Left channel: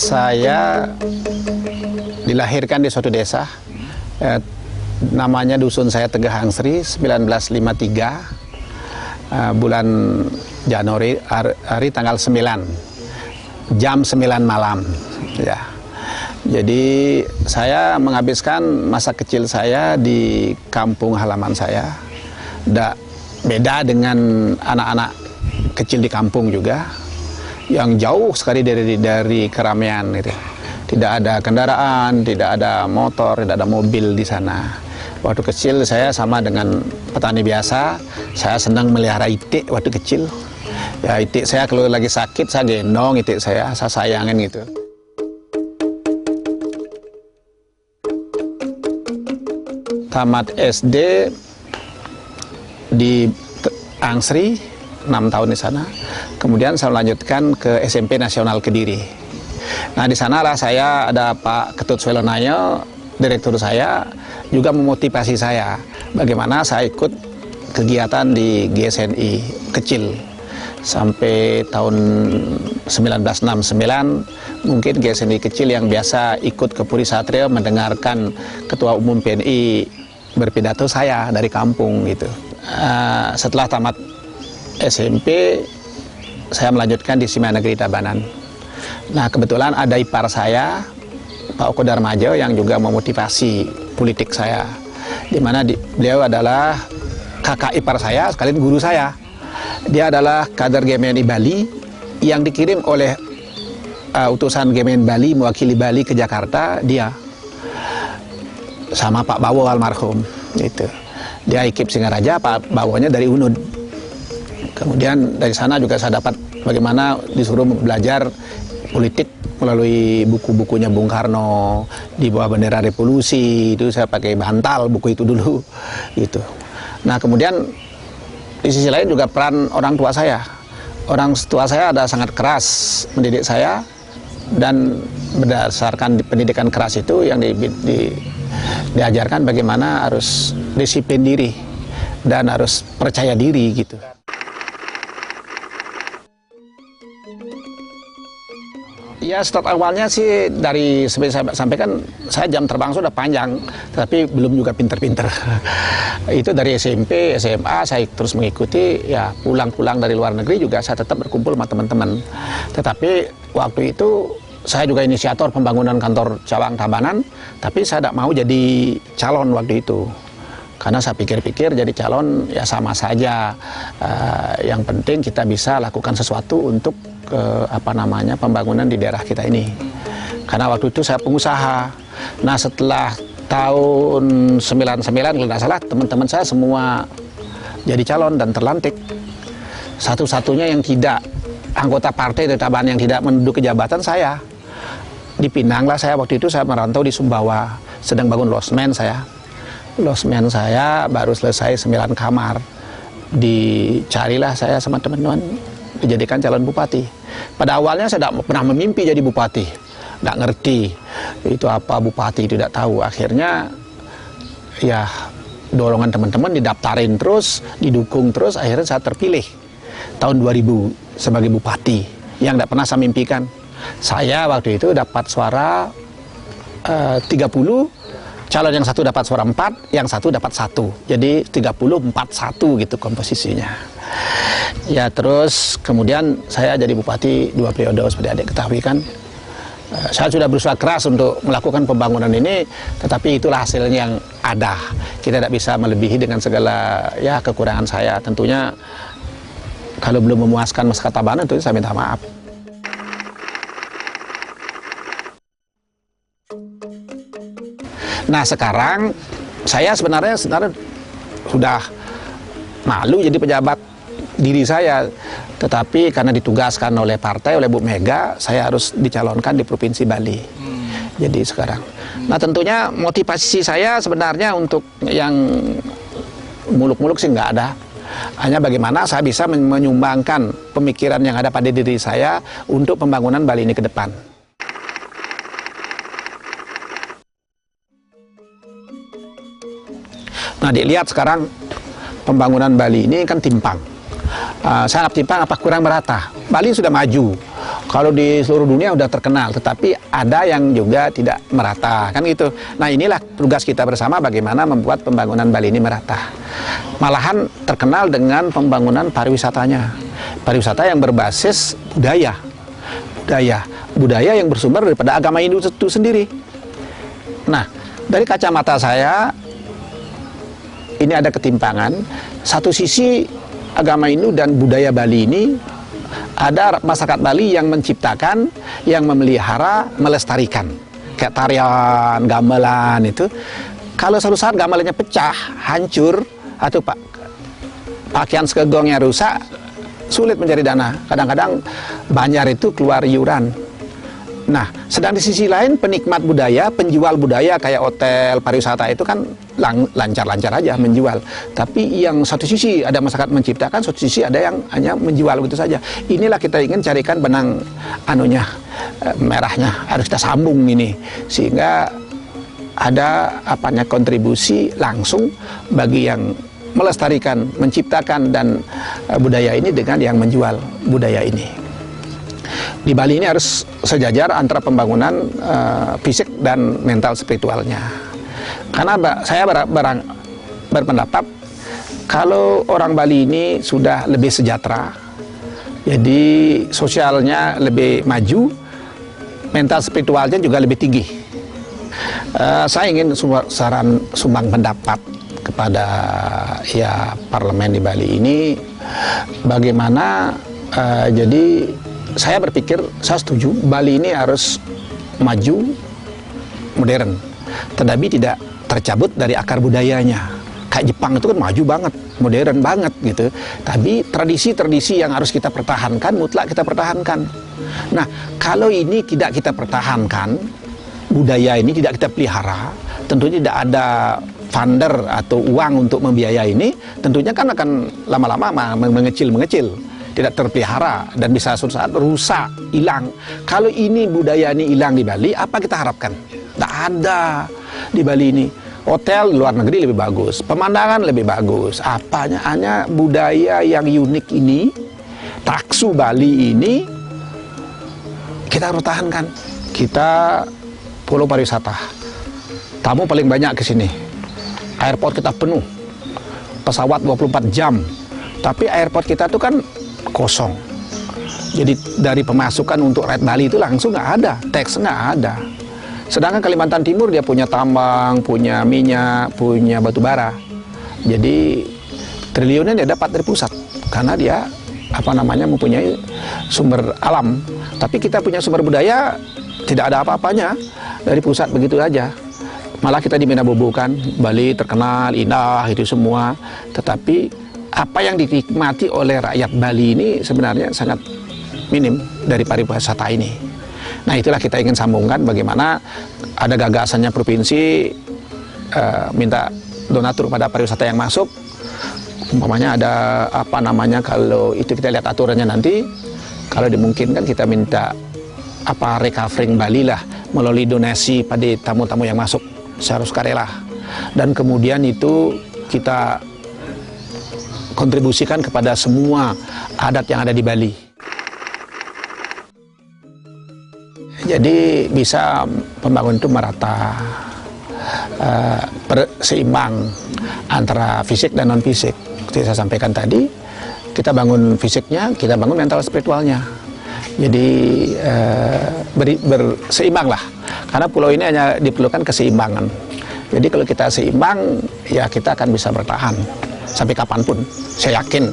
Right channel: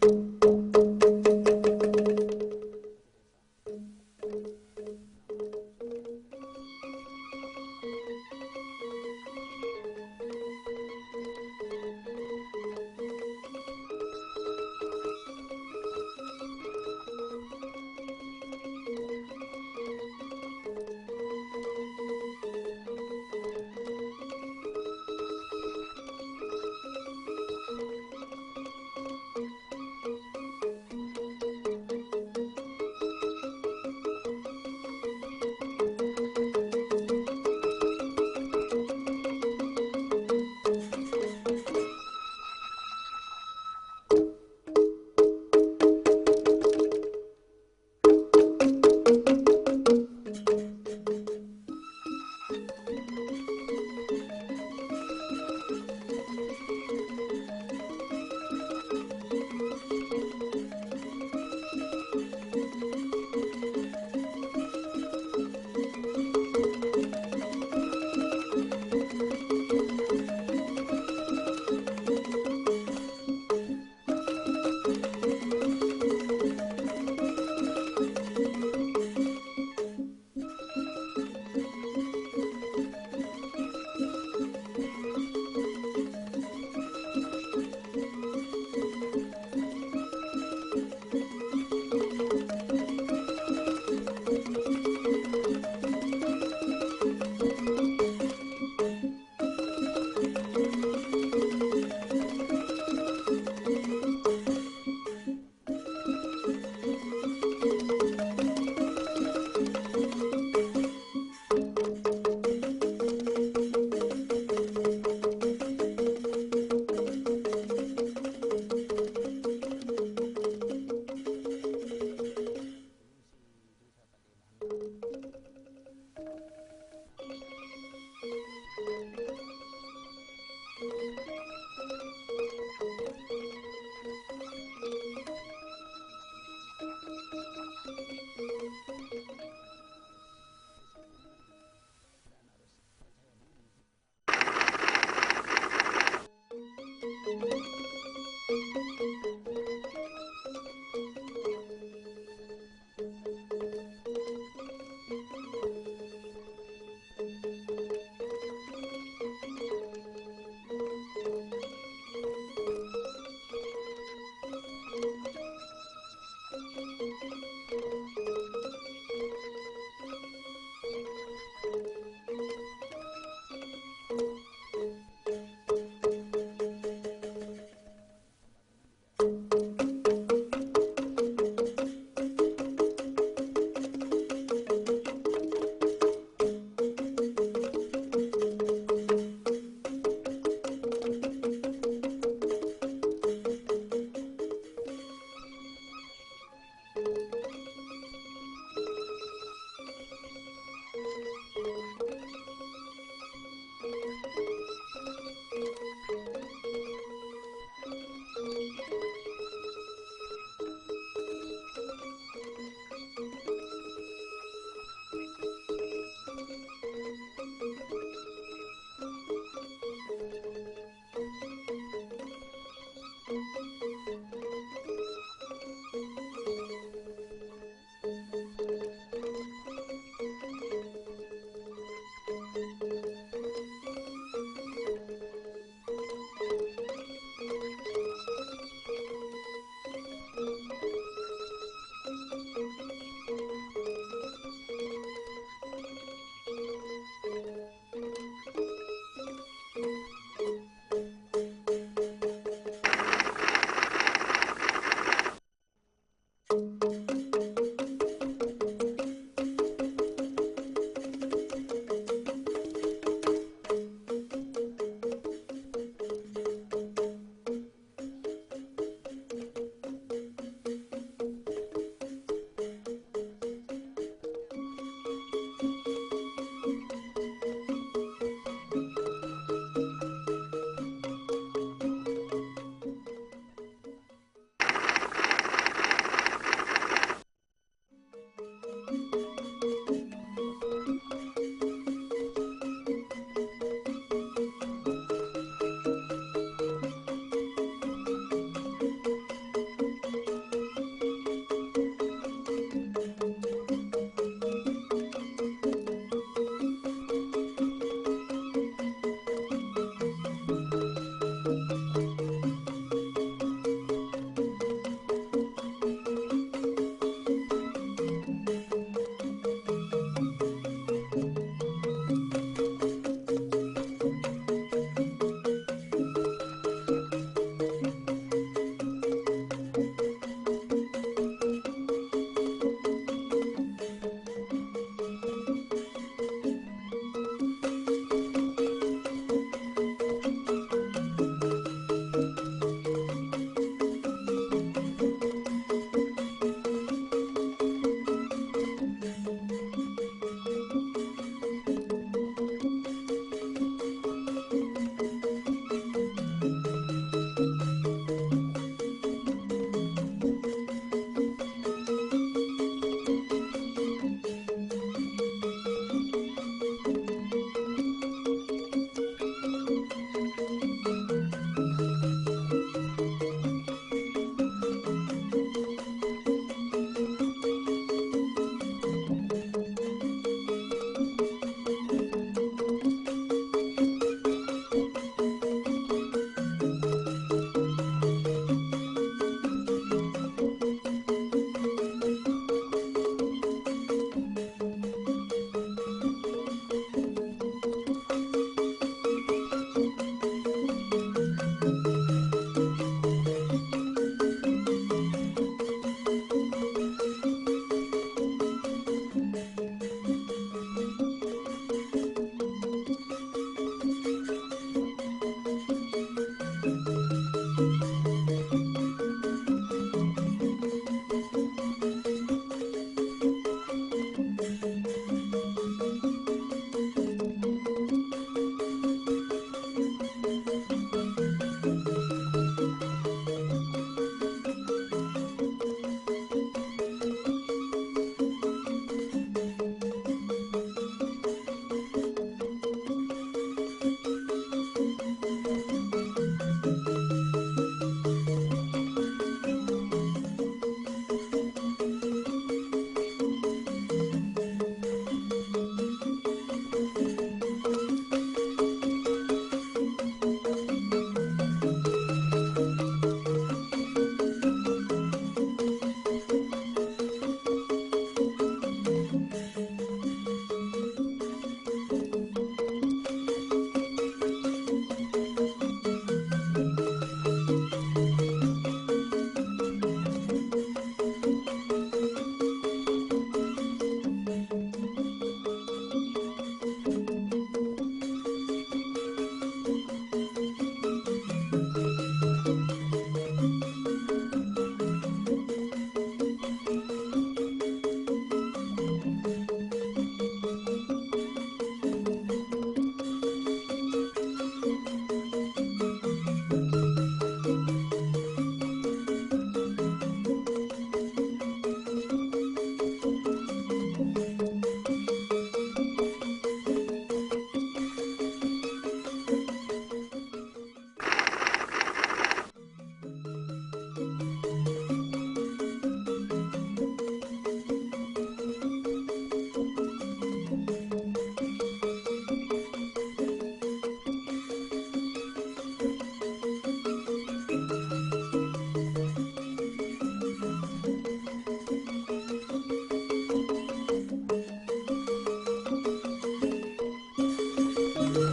Saya dilahirkan di suatu desa, namanya dusun saya Tegah Angsri, 1953, bulan Januari, hari tanggal 9, jam 9 malam. Ya. Jadi saya menghabiskan masa kecil saya di kampung halaman saya. Beda dengan anak-anak kecil di kampung juga, yang jauh sekali dari keramaian gitu. Tidak ada kendaraan, tidak ada motor, tidak ada mobil di sana. Waktu kecil saya sama dengan petani biasa, saya senang melihara itik waktu kecil. Ya, itik saya kalau lagi sakit saya gendong itik saya sayangin gitu. Tamat SD di Angsri, 6 tahun di sana. Kemudian saya melanjutkan ke SMP Nasional Kediri. Nah, di sanalah saya ada Pak Ketut Swelonayo, direktur saya, juga memotivasi saya bagaimana saya ikut kegiatan di GSNI kecil. Sampai tahun 1969, mungkin GSNI kecil yang biasa ikut ke Puri Satrio mendengarkan Ketua Umum PNI berpidato saya dari kampung gitu. Setelah tamat SMP, saya melanjutkan di SMA Negeri Tabanan. Nah, kebetulan ada ipar saya, Pak Oko Darmajo, yang juga memotivasi politik saya. Di mana beliau adalah kakak ipar saya, sekalian guru saya. Dia adalah kader GMNI Bali yang dikirim oleh utusan GMNI Bali mewakili Bali ke Jakarta, dia sama Pak Bawo almarhum gitu. Dia IKIP Singaraja, Pak Bawonya dari UNUD. Kemudian dari sana juga saya dapat bagaimana disuruh belajar politik melalui buku-bukunya Bung Karno, di bawah bendera revolusi. Itu saya pakai bantal buku itu dulu gitu. Nah, kemudian di sisi lain juga peran orang tua saya. Orang tua saya ada sangat keras mendidik saya, dan berdasarkan pendidikan keras itu yang diajarkan bagaimana harus disiplin diri dan harus percaya diri gitu. Ya, start awalnya sih dari seperti saya sampaikan, saya jam terbang sudah panjang, tapi belum juga pinter-pinter. Itu dari SMP, SMA saya terus mengikuti, ya pulang-pulang dari luar negeri juga saya tetap berkumpul sama teman-teman. Tetapi waktu itu saya juga inisiator pembangunan kantor cabang Tabanan, tapi saya tidak mau jadi calon waktu itu. Karena saya pikir-pikir jadi calon ya sama saja. Yang penting kita bisa lakukan sesuatu untuk pembangunan di daerah kita ini. Karena waktu itu saya pengusaha. Nah, setelah tahun 99 kalau tidak salah, teman-teman saya semua jadi calon dan terlantik. Satu-satunya yang tidak anggota partai dari Tabanan yang tidak menduduki jabatan saya. Di Pinang lah saya waktu itu, saya merantau di Sumbawa, sedang bangun losmen saya. Losmen saya baru selesai 9 kamar. Dicarilah saya sama teman-teman, dijadikan calon bupati. Pada awalnya saya tidak pernah memimpi jadi bupati, tidak ngerti itu apa bupati, tidak tahu. Akhirnya ya dorongan teman-teman, didaftarin terus, didukung terus, akhirnya saya terpilih tahun 2000 sebagai bupati yang tidak pernah saya mimpikan. Saya waktu itu dapat suara 30, calon yang satu dapat suara 4, yang satu dapat 1. Jadi 30-41 gitu komposisinya. Ya, terus kemudian saya jadi bupati 2 periode seperti adik ketahui kan. Saya sudah berusaha keras untuk melakukan pembangunan ini, tetapi itulah hasilnya yang ada. Kita tidak bisa melebihi dengan segala ya kekurangan saya. Tentunya kalau belum memuaskan masyarakat Tabanan, tentunya saya minta maaf. Nah, sekarang saya sebenarnya sudah malu jadi pejabat diri saya, tetapi karena ditugaskan oleh partai, oleh Bu Mega, saya harus dicalonkan di Provinsi Bali. Jadi sekarang. Nah tentunya motivasi saya sebenarnya untuk yang muluk-muluk sih nggak ada. Hanya bagaimana saya bisa menyumbangkan pemikiran yang ada pada diri saya untuk pembangunan Bali ini ke depan. Nah dilihat sekarang pembangunan Bali ini kan timpang. Sangat timpang apa kurang merata. Bali sudah maju. Kalau di seluruh dunia sudah terkenal, tetapi ada yang juga tidak merata, kan gitu. Nah inilah tugas kita bersama bagaimana membuat pembangunan Bali ini merata. Malahan terkenal dengan pembangunan pariwisatanya. Pariwisata yang berbasis budaya. Budaya yang bersumber daripada agama Hindu itu sendiri. Nah, dari kacamata saya, ini ada ketimpangan. Satu sisi agama Hindu dan budaya Bali ini, ada masyarakat Bali yang menciptakan, yang memelihara, melestarikan. Kayak tarian, gamelan itu. Kalau suatu saat gamelannya pecah, hancur, atau pakaian segegongnya rusak, sulit mencari dana. Kadang-kadang banjar itu keluar iuran. Nah, sedang di sisi lain penikmat budaya, penjual budaya kayak hotel, pariwisata itu kan lancar-lancar aja menjual. Tapi yang satu sisi ada masyarakat menciptakan, satu sisi ada yang hanya menjual begitu saja. Inilah kita ingin carikan benang merahnya, harus kita sambung ini sehingga ada kontribusi langsung bagi yang melestarikan, menciptakan dan budaya ini dengan yang menjual budaya ini. Di Bali ini harus sejajar antara pembangunan fisik dan mental spiritualnya. Karena saya berpendapat kalau orang Bali ini sudah lebih sejahtera, jadi sosialnya lebih maju, mental spiritualnya juga lebih tinggi. Saya ingin sumbang pendapat kepada parlemen di Bali ini, bagaimana jadi saya berpikir, saya setuju Bali ini harus maju, modern, tetapi tidak tercabut dari akar budayanya. Kayak Jepang itu kan maju banget, modern banget gitu. Tapi tradisi-tradisi yang harus kita pertahankan, mutlak kita pertahankan. Nah, kalau ini tidak kita pertahankan, budaya ini tidak kita pelihara, tentunya tidak ada funder atau uang untuk membiayai ini, tentunya kan akan lama-lama mengecil, tidak terpelihara dan bisa suatu saat rusak, hilang. Kalau ini budaya ini hilang di Bali, apa kita harapkan? Tidak ada di Bali ini. Hotel luar negeri lebih bagus, pemandangan lebih bagus. Apanya hanya budaya yang unik ini, taksu Bali ini kita pertahankan. Kita pulau pariwisata, tamu paling banyak ke sini. Airport kita penuh, pesawat 24 jam. Tapi airport kita itu kan kosong. Jadi dari pemasukan untuk Rakyat Bali itu langsung nggak ada, teks nggak ada. Sedangkan Kalimantan Timur dia punya tambang, punya minyak, punya batu bara. Jadi triliunnya dia dapat dari pusat karena dia mempunyai sumber alam. Tapi kita punya sumber budaya tidak ada apa-apanya dari pusat begitu aja. Malah kita diminabobokan, Bali terkenal, indah itu semua. Tetapi apa yang dinikmati oleh rakyat Bali ini sebenarnya sangat minim dari pariwisata ini. Nah itulah kita ingin sambungkan bagaimana ada gagasannya provinsi minta donatur pada pariwisata yang masuk. Umpamanya ada kalau itu kita lihat aturannya nanti, kalau dimungkinkan kita minta recovering Bali lah melalui donasi pada tamu-tamu yang masuk secara sukarela. Dan kemudian itu kita kontribusikan kepada semua adat yang ada di Bali. Jadi bisa pembangunan itu merata, seimbang antara fisik dan non fisik. Seperti saya sampaikan tadi, kita bangun fisiknya, kita bangun mental spiritualnya. Jadi berseimbang lah. Karena pulau ini hanya diperlukan keseimbangan. Jadi kalau kita seimbang, ya kita akan bisa bertahan sampai kapanpun. Saya yakin.